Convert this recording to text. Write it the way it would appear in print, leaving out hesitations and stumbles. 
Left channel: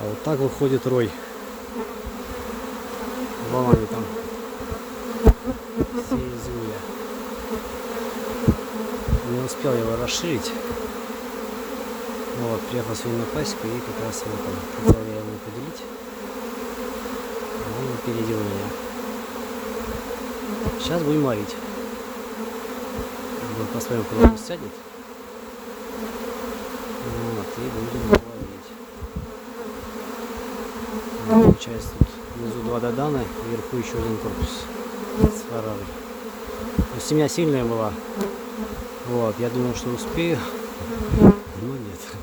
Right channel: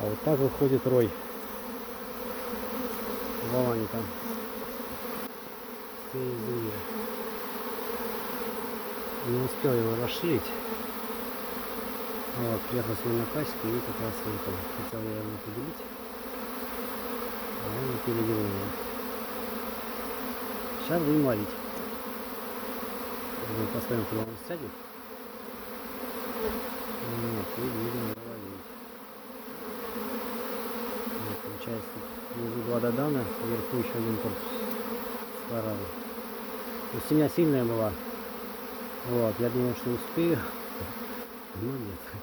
А вот так выходит рой. Вон они там. Все извне. Не успел его расширить. Вот, приехал сегодня на пасеку и как раз его там хотел я ему поделить. А он опередил меня. Сейчас будем варить. Посмотрим, куда он сядет. Вот, и будем его варить. Вот, получается, тут внизу 2 додана, вверху еще один корпус с фарами. Но семья сильная была. Вот, я думал, что успею, но нет.